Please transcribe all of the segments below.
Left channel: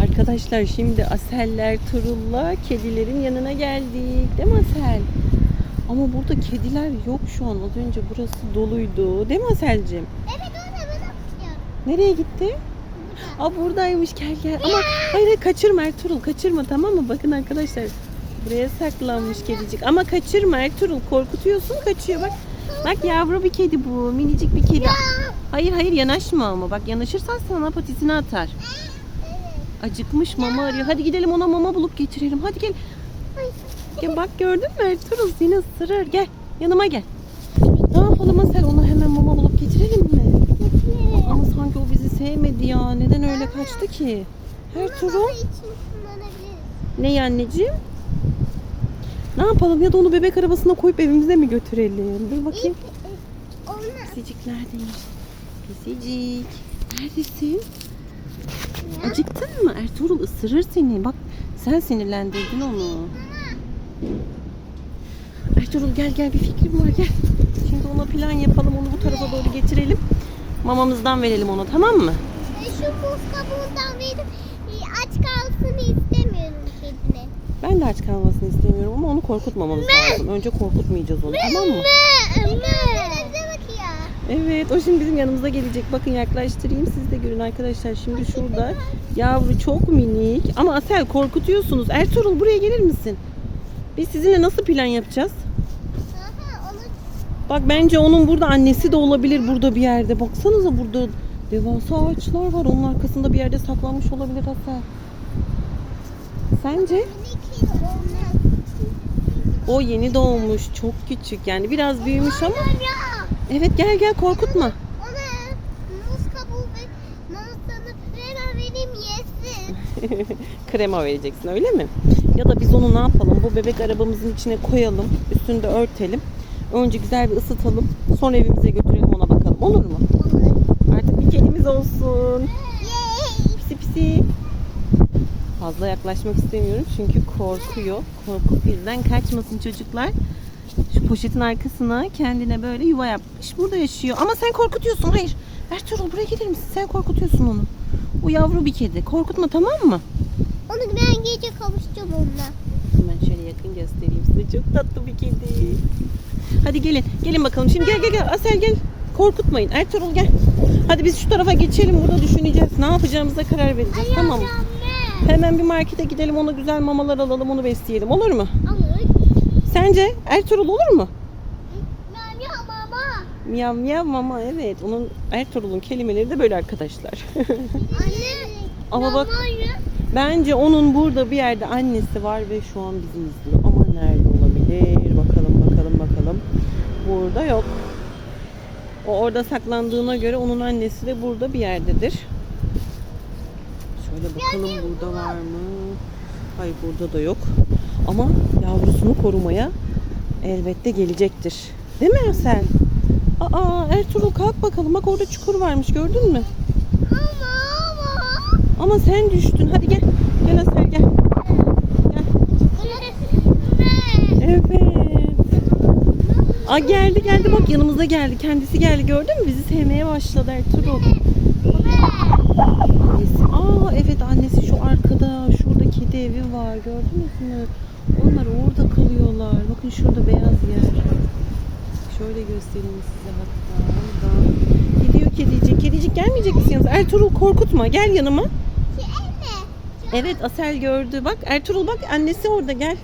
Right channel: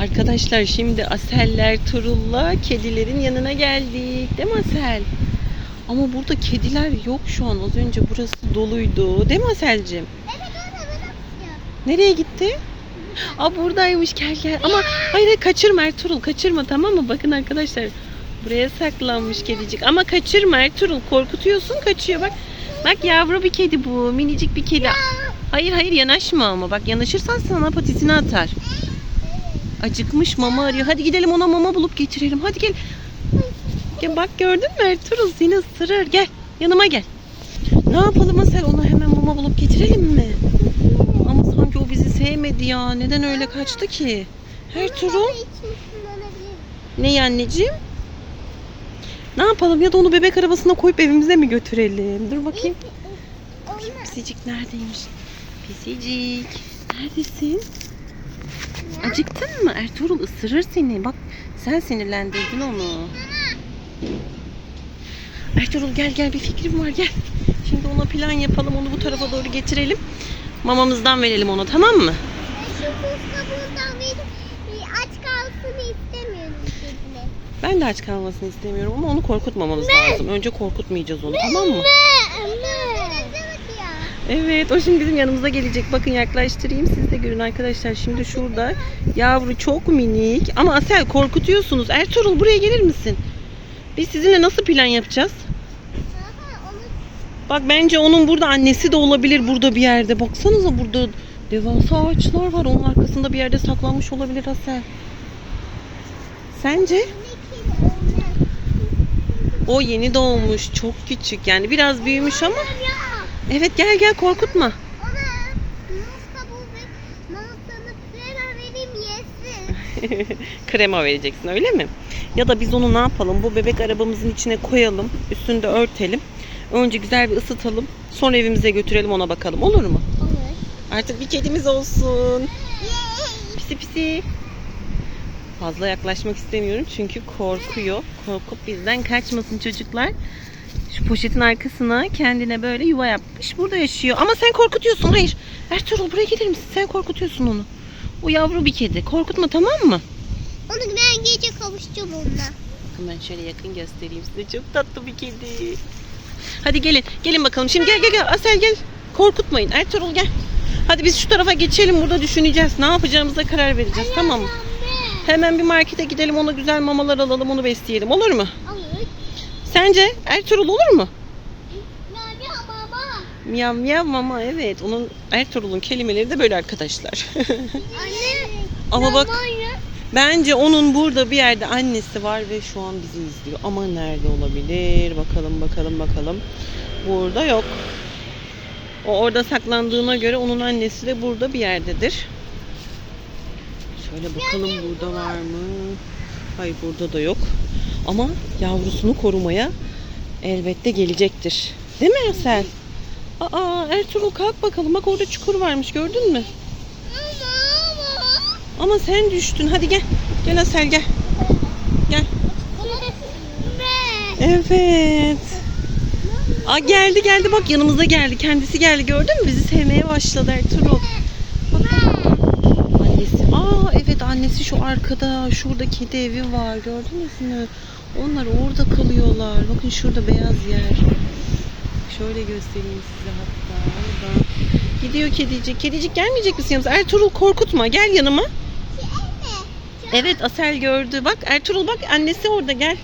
Arkadaşlar şimdi Asel'ler, Turul'la kedilerin yanına geldik. Değil mi Asel? Ama burada kediler yok şu an. Az önce burası doluydu. Değil mi Asel'cim? Evet. Nereye gitti? Aa buradaymış gel gel. Ama hayır hayır kaçırma Ertuğrul kaçırma tamam mı? Bakın arkadaşlar buraya saklanmış kedicik. Ama kaçırma Ertuğrul korkutuyorsun kaçıyor bak. Bak yavru bir kedi bu minicik bir kedi. Hayır hayır yanaşma ama bak yanaşırsan sana patisini atar. Acıkmış mama arıyor. Hadi gidelim ona mama bulup getirelim. Hadi gel. Gel bak gördün mü Ertuğrul seni ısırır. Gel yanıma gel. Ne yapalım Asel ona hemen mama bulup getirelim mi? Ama sanki o bizi sevmedi ya. Neden öyle kaçtı ki? Ertuğrul. Ne anneciğim? Ne yapalım ya da onu bebek arabasına koyup evimize mi götürelim? Dur bakayım. Pisicik neredeymiş? Pisicik. Neredesin? Acıktın mı? Ertuğrul ısırır seni. Bak sen sinirlendirdin onu. Ertuğrul gel gel bir fikrim var gel. Şimdi ona plan yapalım. Onu bu tarafa doğru getirelim. Mamamızdan verelim ona tamam mı? Aç kalsın istemiyorum. Ben de aç kalmasını istemiyorum ama onu korkutmamamız lazım. Önce korkutmayacağız onu tamam mı? Evet o şimdi bizim yanımıza gelecek. Bakın yaklaştırayım siz de görün arkadaşlar. Şimdi şurada yavru çok minik ama Asel korkutuyorsunuz. Ertuğrul buraya gelir misin? Biz sizinle nasıl plan yapacağız? Bak bence onun burada annesi de olabilir burada bir yerde. Baksanıza burada devasa ağaçlar var. Onun arkasında bir yerde saklanmış olabilir Asel. Sence? O yeni doğmuş. Çok küçük. Yani biraz büyümüş ama. Evet gel gel korkutma. Krema vereceksin öyle mi? Ya da biz onu ne yapalım? Bu bebek arabamızın içine koyalım. Üstünde örtelim. Önce güzel bir ısıtalım. Sonra evimize götürelim ona bakalım. Olur mu? Artık bir kedimiz olsun. Pisi pisi. Fazla yaklaşmak istemiyorum çünkü korkuyor. Korkup bizden kaçmasın çocuklar. Şu poşetin arkasına kendine böyle yuva yapmış. Burada yaşıyor. Ama sen korkutuyorsun. Hayır. Ertuğrul buraya gelir misin? Sen korkutuyorsun onu. O yavru bir kedi. Korkutma tamam mı? Onu ben gece kavuşacağım onunla. Ben şöyle yakın göstereyim size. Çok tatlı bir kedi. Hadi gelin. Gelin bakalım. Şimdi gel gel gel. Asel gel. Korkutmayın. Ertuğrul gel. Hadi biz şu tarafa geçelim. Burada düşüneceğiz. Ne yapacağımıza karar vereceğiz. Tamam mı? Hemen bir markete gidelim. Ona güzel mamalar alalım. Onu besleyelim. Olur mu? Olur. Sence Ertuğrul olur mu? Ya baba. Miyav miyav mama evet. Onun Ertuğrul'un kelimeleri de böyle arkadaşlar. Anne. Ama bak bence onun burada bir yerde annesi var ve şu an bizi izliyor. Ama nerede olabilir? Bakalım bakalım bakalım. Burada yok. O orada saklandığına göre onun annesi de burada bir yerdedir. Şöyle bakalım burada var mı? Hayır burada da yok. Ama yavrusunu korumaya elbette gelecektir. Değil mi Asel? Aa Ertuğrul kalk bakalım. Bak orada çukur varmış gördün mü? Ama ama. Ama sen düştün. Hadi gel. Gel Asel gel. Gel. Evet. Aa geldi geldi bak yanımıza geldi. Kendisi geldi gördün mü? Bizi sevmeye başladı Ertuğrul. Bak. Annesi. Aa evet annesi şu arkada. Şurada kedi evi var. Gördünüz mü? Onlar orada kalıyorlar. Bakın şurada beyaz yer. Şöyle göstereyim size hatta. Oradan. Gidiyor kedicik. Kedicik gelmeyecek misin yanımıza? Ertuğrul korkutma. Gel yanıma. Evet Asel gördü. Bak Ertuğrul bak annesi orada gel.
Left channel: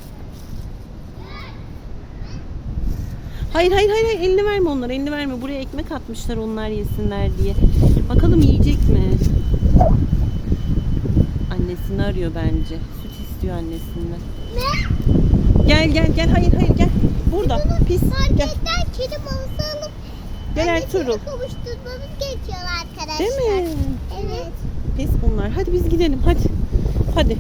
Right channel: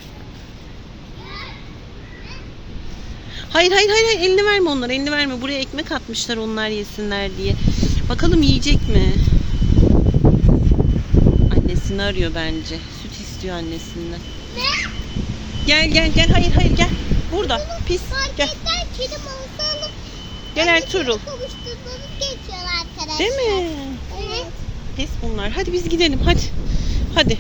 Hayır hayır hayır hayır, elini verme onlara elini verme. Buraya ekmek atmışlar onlar yesinler diye. Bakalım yiyecek mi? Annesini arıyor bence. İstiyor annesinden. Gel gel gel hayır hayır gel. Burada pis gel. Kedi alıp Gel Ertuğrul. Değil mi? Evet. Pis bunlar. Hadi biz gidelim hadi. Hadi.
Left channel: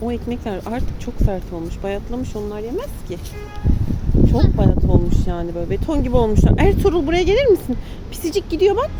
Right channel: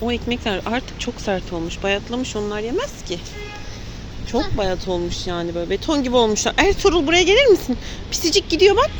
O ekmekler artık çok sert olmuş. Bayatlamış onlar yemez ki. Çok bayat olmuş yani böyle beton gibi olmuşlar. Ertuğrul buraya gelir misin? Pisicik gidiyor bak.